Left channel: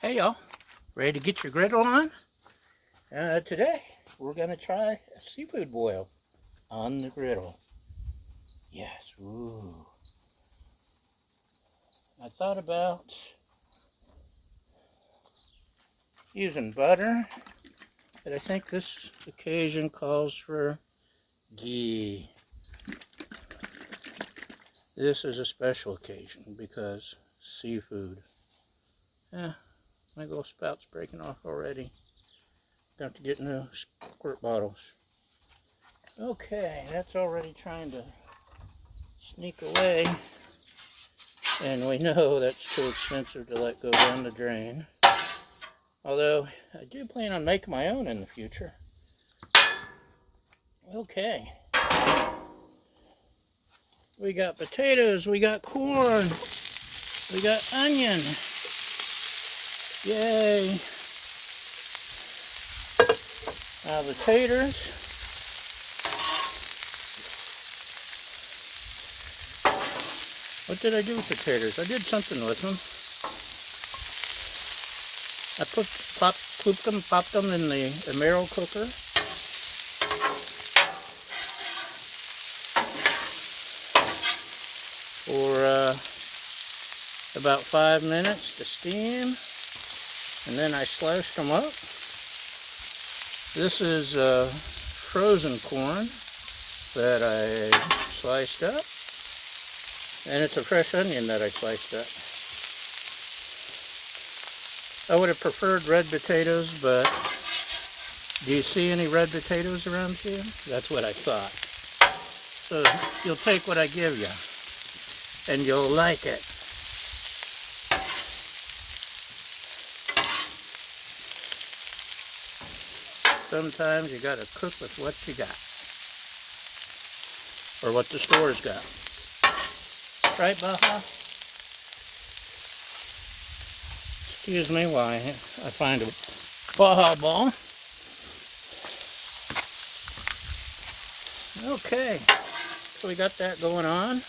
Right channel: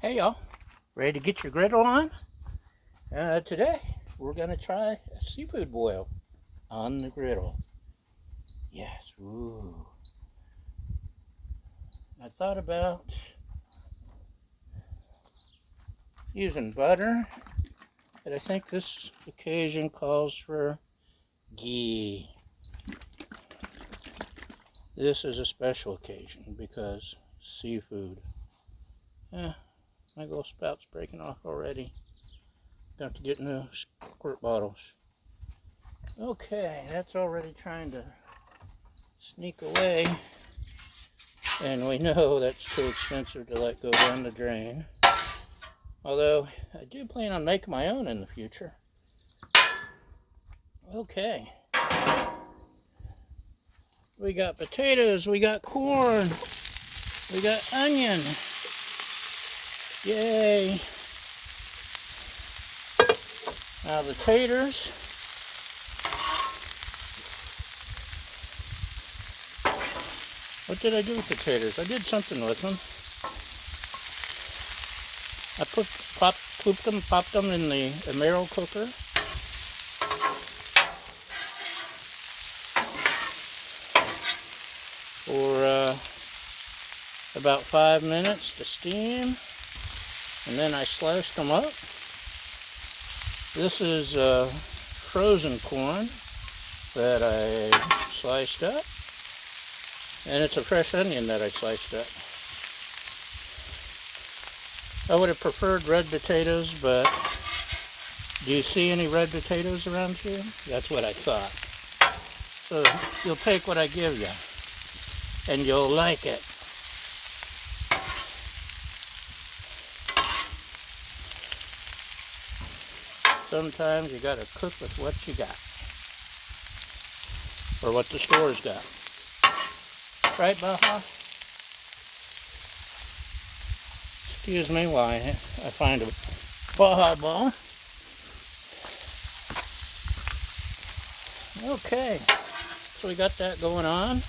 Hey y'all, ready to get your griddle on? Today we're going to try a seafood boil on the griddle. Yes, ooh. I thought about using butter, but I think this occasion calls for ghee. This is a special occasion because seafood. My little spout's breaking off already. Got to get new squirt bottles. Okay, that's already trying to sneak away, and we know that's too expensive to let go down the drain. Although I do plan on making my own in the future. Okay, we got potatoes, we got corn, we got onion. Yay! Now the taters. What did I do with the taters? I did something with them. I popped them in the marrow cooker. For about 5 minutes to steam. And then I sliced them up. This is frozen corn that I sliced up. And it's a fresh onion that I sliced up. I would have preferred red potatoes, but do you see any red potatoes around here? That's what I thought. So you'll take what I give you, and you'll like it. Sometimes you gotta cook with what you got, or what the store's got. Right, Baja? Excuse me while I find a Baja ball. Okay, so we got that going on.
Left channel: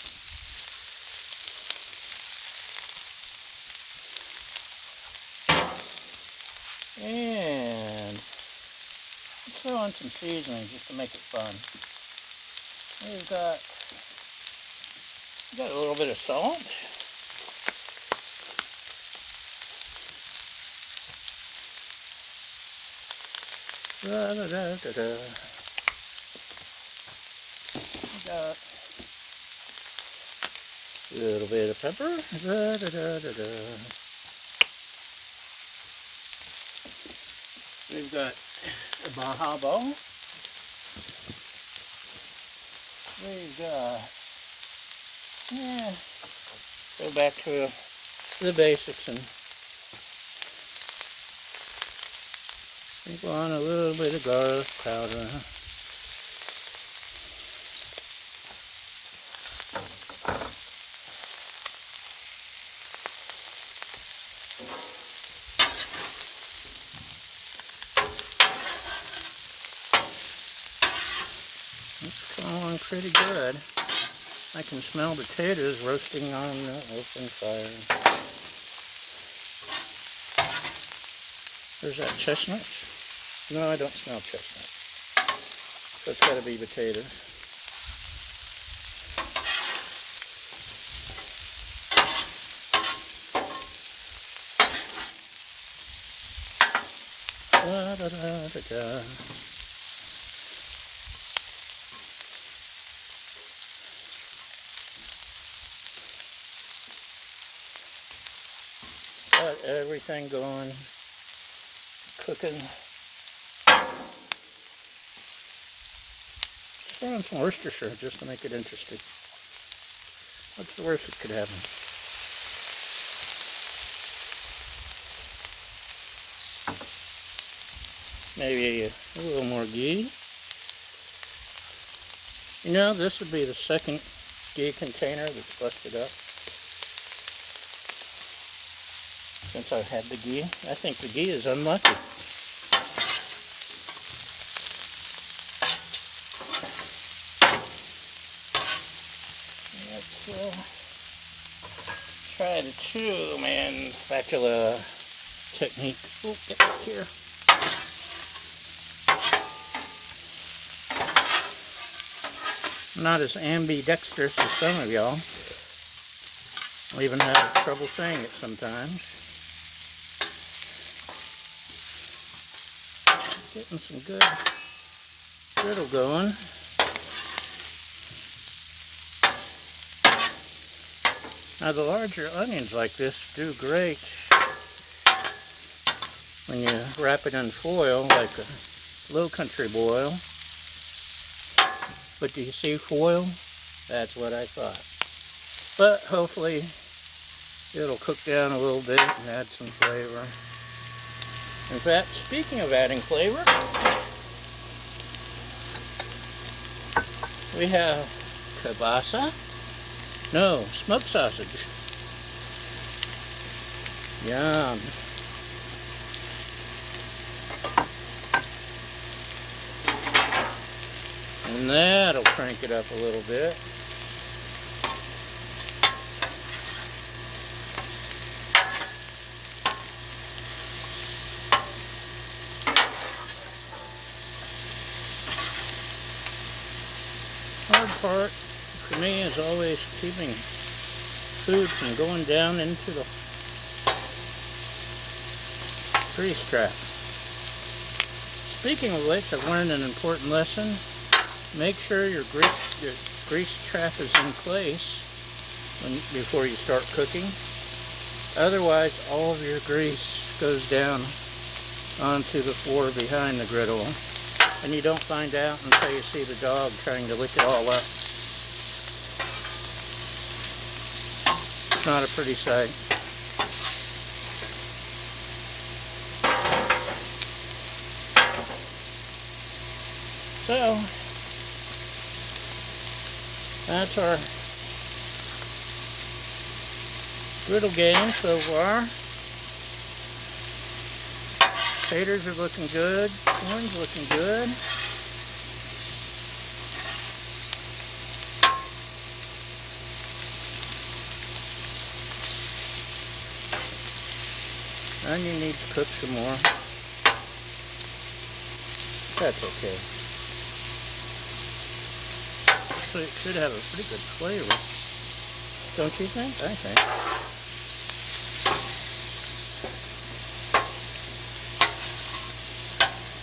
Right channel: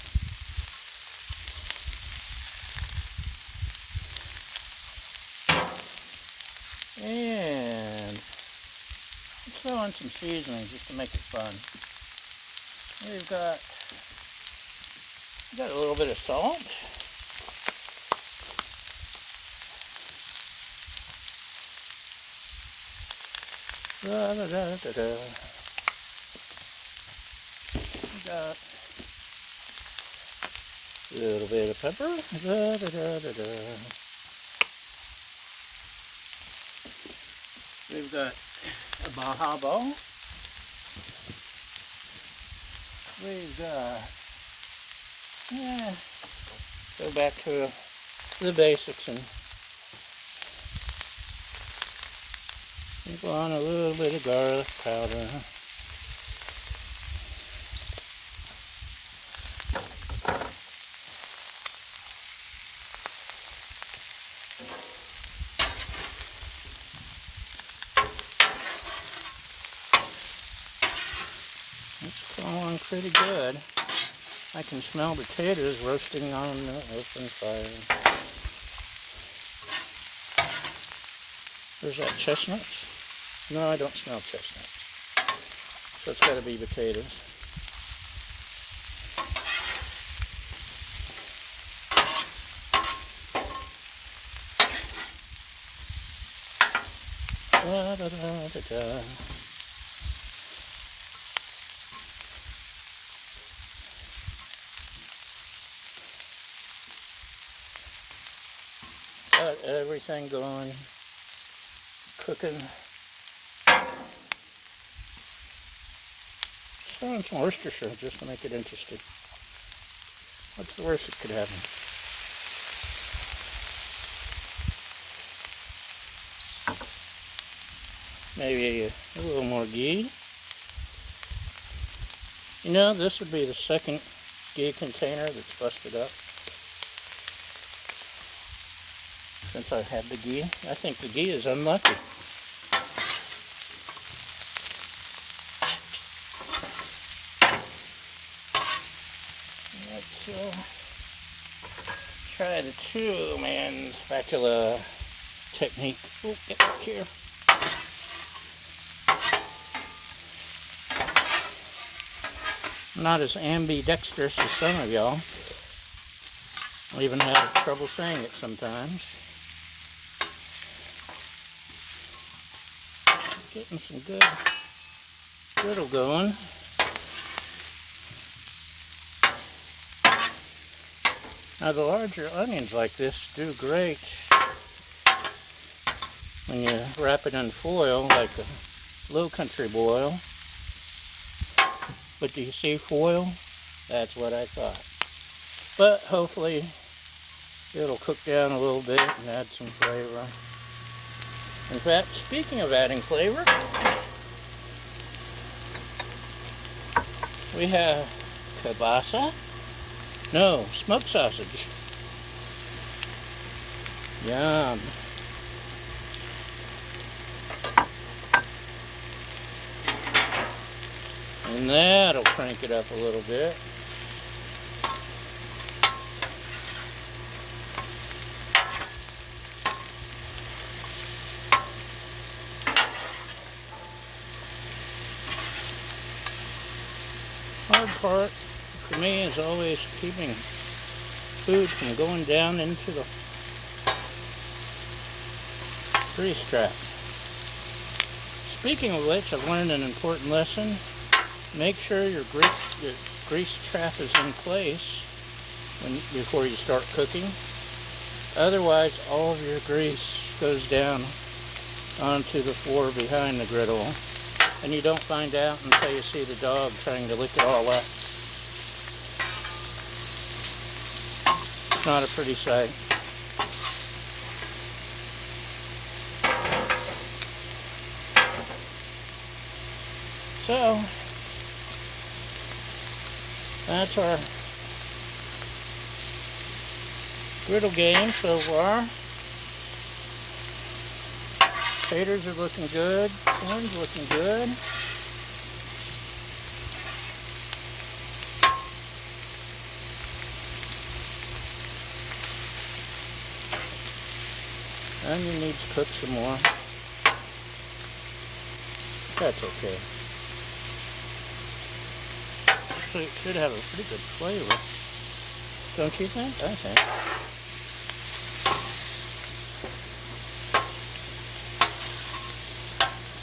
And let's throw in some seasoning just to make it fun. We've got a little bit of salt. Da, da, da, da, da. We got a little bit of pepper. Da, da, da, da, da. We've got a Baja ball. We've got, go back to the basics and go on a little bit of garlic powder. It's going pretty good. I can smell the potatoes roasting on the open fire. Is that chestnut? No, I don't smell chestnut. So it's got to be potatoes. Da, da, da, da, da. Got everything going, cooking. Throw in some Worcestershire just to make it interesting. What's the worst that could happen? Maybe a little more ghee. You know, this would be the second ghee container that's busted up since I've had the ghee. I think the ghee is unlucky. Let's try the 2-man spatula technique. Oh, get back here. I'm not as ambidextrous as some of y'all. I even have trouble saying it sometimes. Getting some good griddle going. Now the larger onions like this do great when you wrap it in foil, like a low country boil. But do you see foil? That's what I thought. But hopefully it'll cook down a little bit and add some flavor. In fact, speaking of adding flavor, we have kielbasa. No, smoked sausage. Yum. And that'll crank it up a little bit. Hard part for me is always keeping food from going down into the grease trap. Speaking of which, I've learned an important lesson. Make sure your grease trap is in place before you start cooking. Otherwise, all of your grease goes down onto the floor behind the griddle, and you don't find out until you see the dog trying to lick it all up. It's not a pretty sight. So, that's our griddle game so far. Taters are looking good. Corn's looking good. Onion needs to cook some more. That's okay. So it should have a pretty good flavor. Don't you think? I think.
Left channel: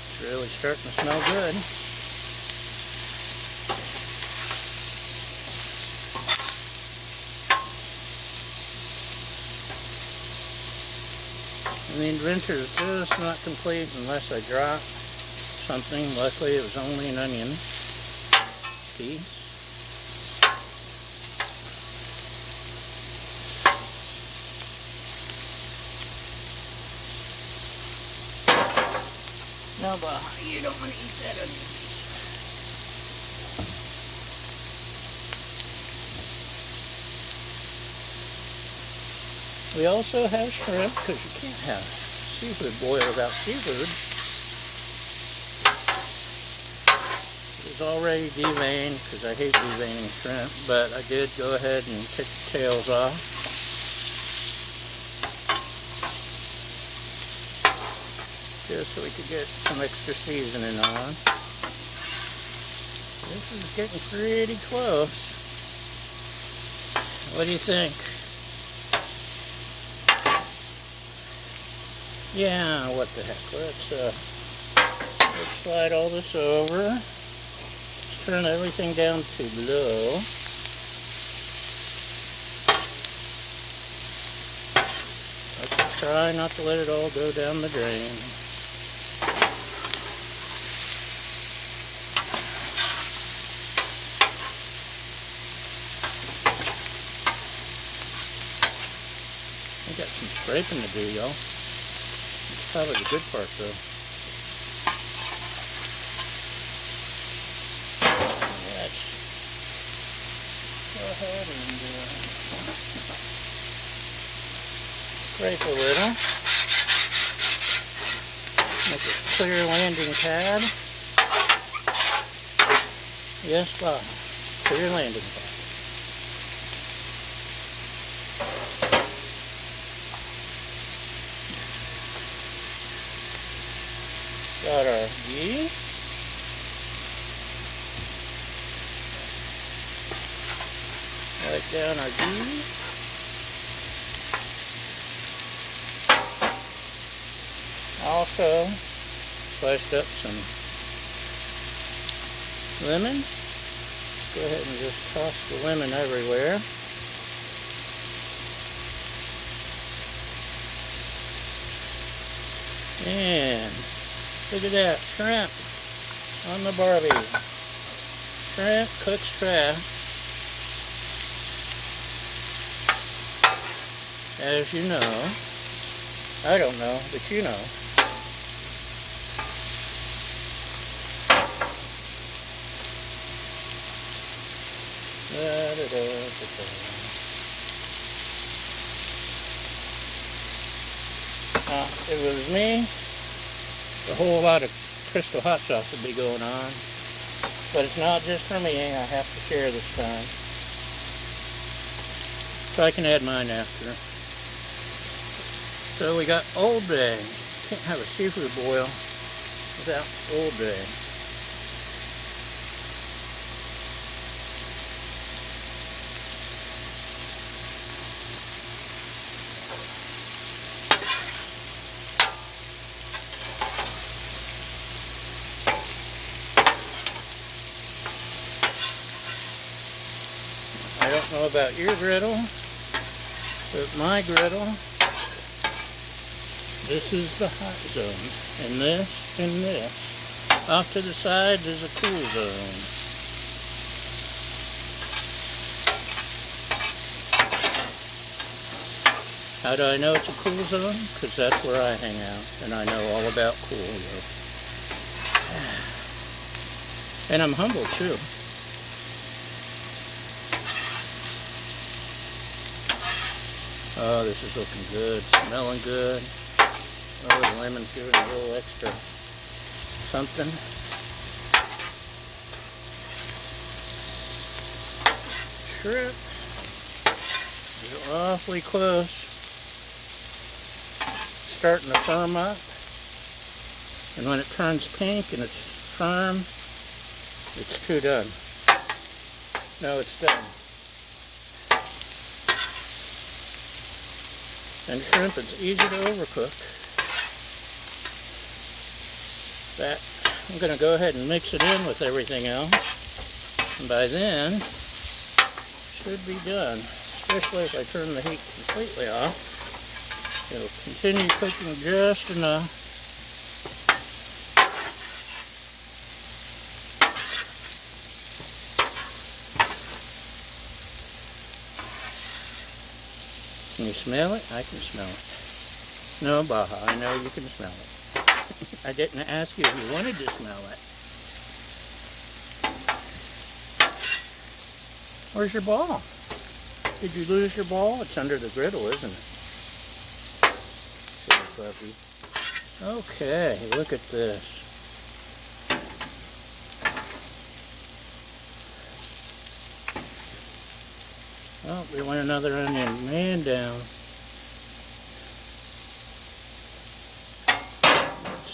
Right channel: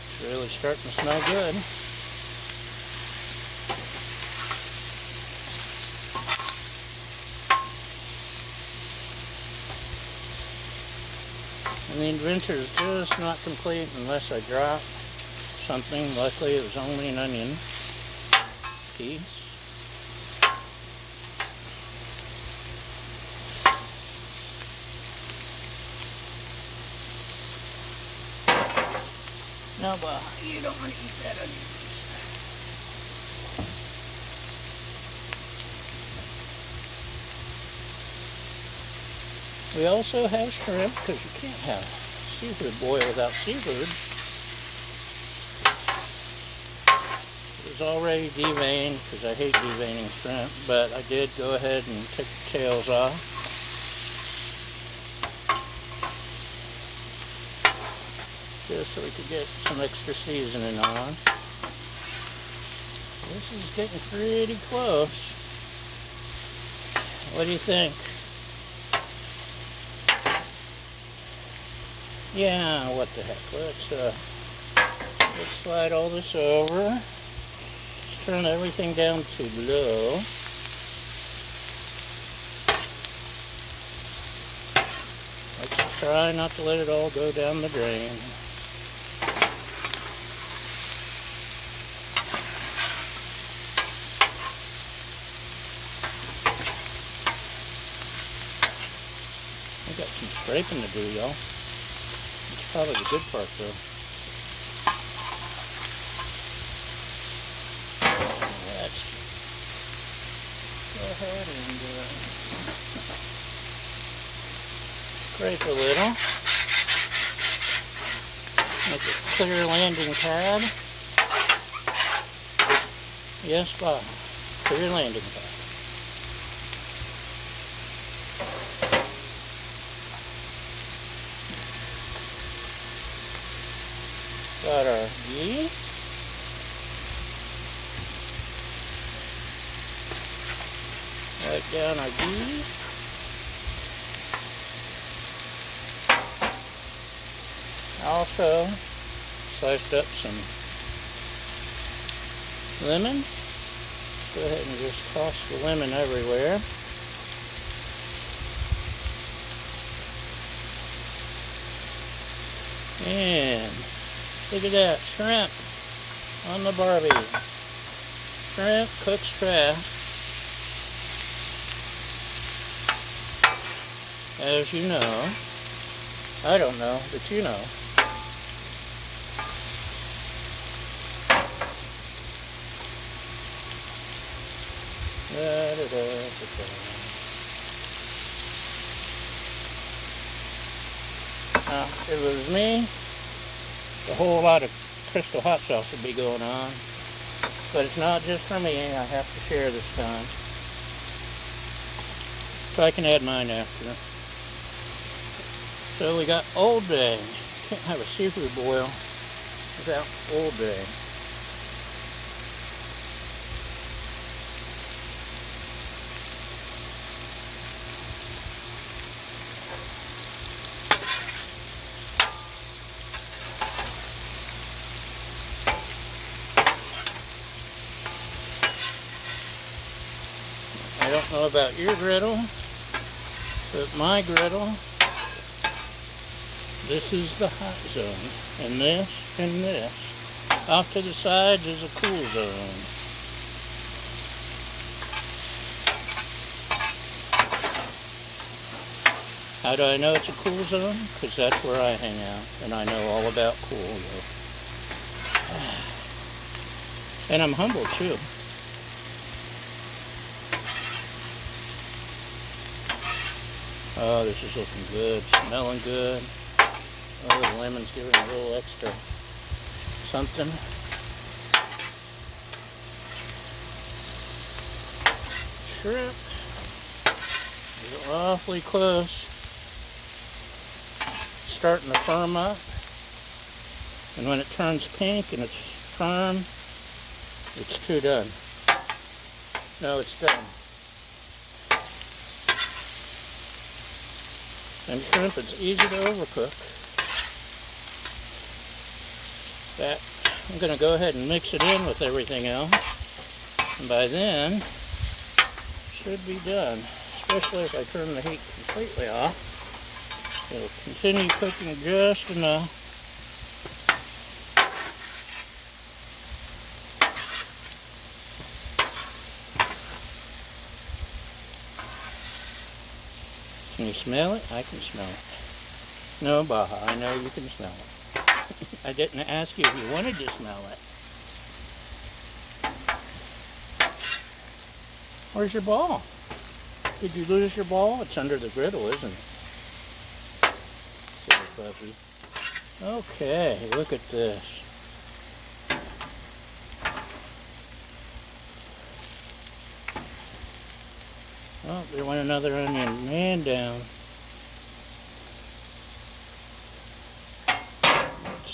It's really starting to smell good. And the adventure is just not complete unless I drop something. Luckily it was only an onion piece. No, but you don't want to eat that onion piece. We also have shrimp, because you can't have seafood boil without seafood. It's already deveined, because I hate deveining shrimp, but I did go ahead and take the tails off. Just so we could get some extra seasoning on. This is getting pretty close. What do you think? Yeah, what the heck. Let's slide all this over. Turn everything down to low. Let's try not to let it all go down the drain. I got some scraping to do, y'all. It's probably the good part, though. Let's go ahead and scrape a little. Make a clear landing pad. Yes, Bob. Clear landing pad. Got our ghee. Wipe down our ghee. Also sliced up some lemon. Go ahead and just toss the lemon everywhere. And look at that, shrimp on the barbie. Shrimp cooks fast. As you know, I don't know, but you know. Now, if it was me, a whole lot of Crystal hot sauce would be going on. But it's not just for me, I have to share this time. So I can add mine after. So we got Old Bay. Can't have a seafood boil without Old Bay. I don't know about your griddle, but my griddle, this is the hot zone, and this and this. Off to the side is a cool zone. How do I know it's a cool zone? Because that's where I hang out, and I know all about cool. And I'm humble too. Oh, this is looking good, smelling good. Oh, the lemon's giving a little extra something. Shrimp is awfully close. Starting to firm up. And when it turns pink and it's firm, it's too done. No, it's done. And shrimp, it's easy to overcook. That, I'm going to go ahead and mix it in with everything else. And by then, should be done. Especially if I turn the heat completely off. It'll continue cooking just enough. Can you smell it? I can smell it. No, Baja, I know you can smell it. I didn't ask you if you wanted to smell it. Where's your ball? Did you lose your ball? It's under the griddle, isn't it? Silly puppy. Okay, look at this. Oh, they want another onion. Man down.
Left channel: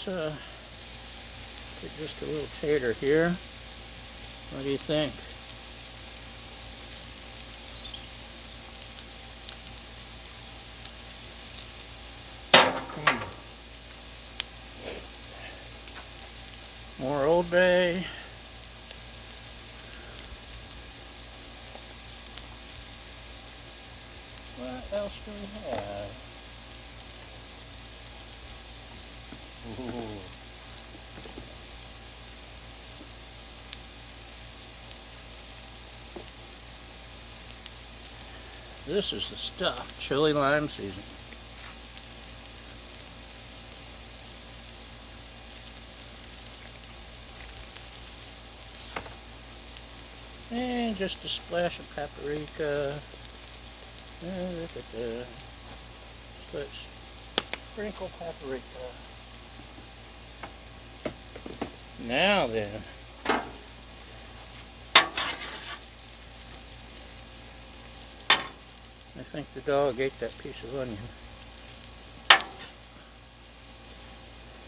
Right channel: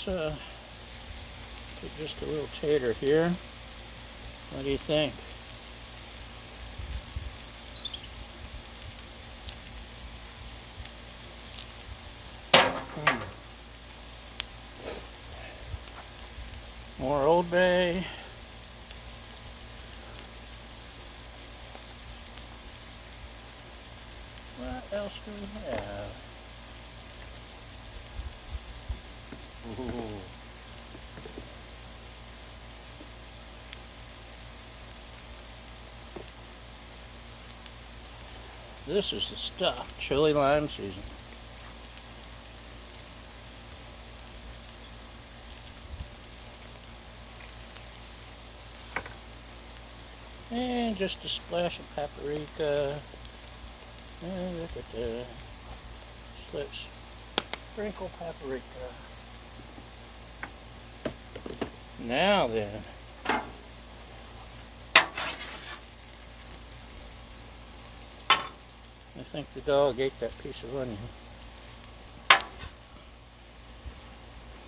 Let's get just a little tater here. What do you think? More Old Bay. What else do we have? Ooh. This is the stuff. Chili lime seasoning. And just a splash of paprika. And look at that. Let's sprinkle paprika. Now then. I think the dog ate that piece of onion.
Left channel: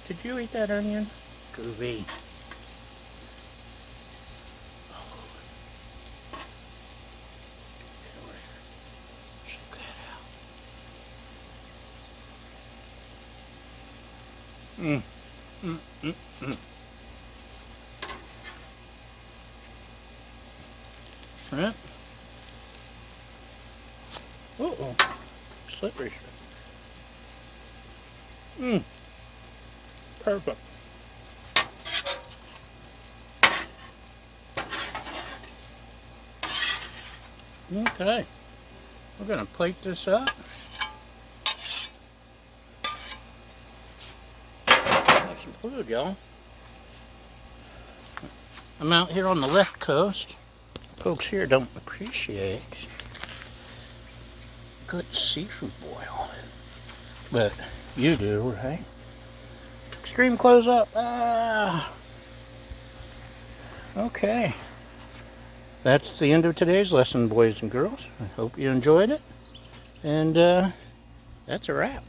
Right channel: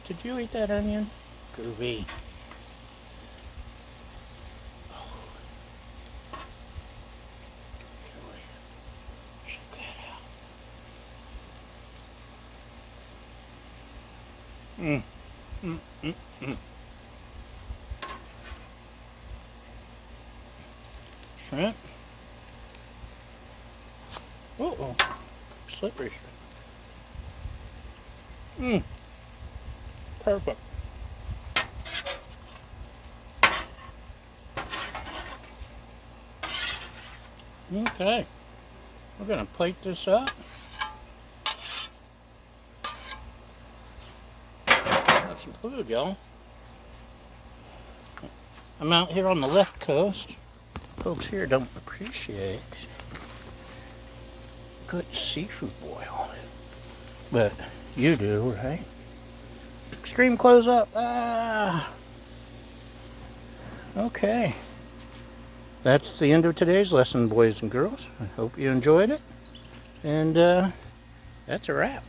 Did you eat that onion? Groovy. Check that out. Shrimp. Uh-oh. Slippery shrimp. Perfect. Okay. We're going to plate this up. Have some food, y'all. I'm out here on the left coast. Folks here don't appreciate good seafood boil. But you do, right? Extreme close up. Ah. Okay. That's the end of today's lesson, boys and girls. I hope you enjoyed it. And that's a wrap.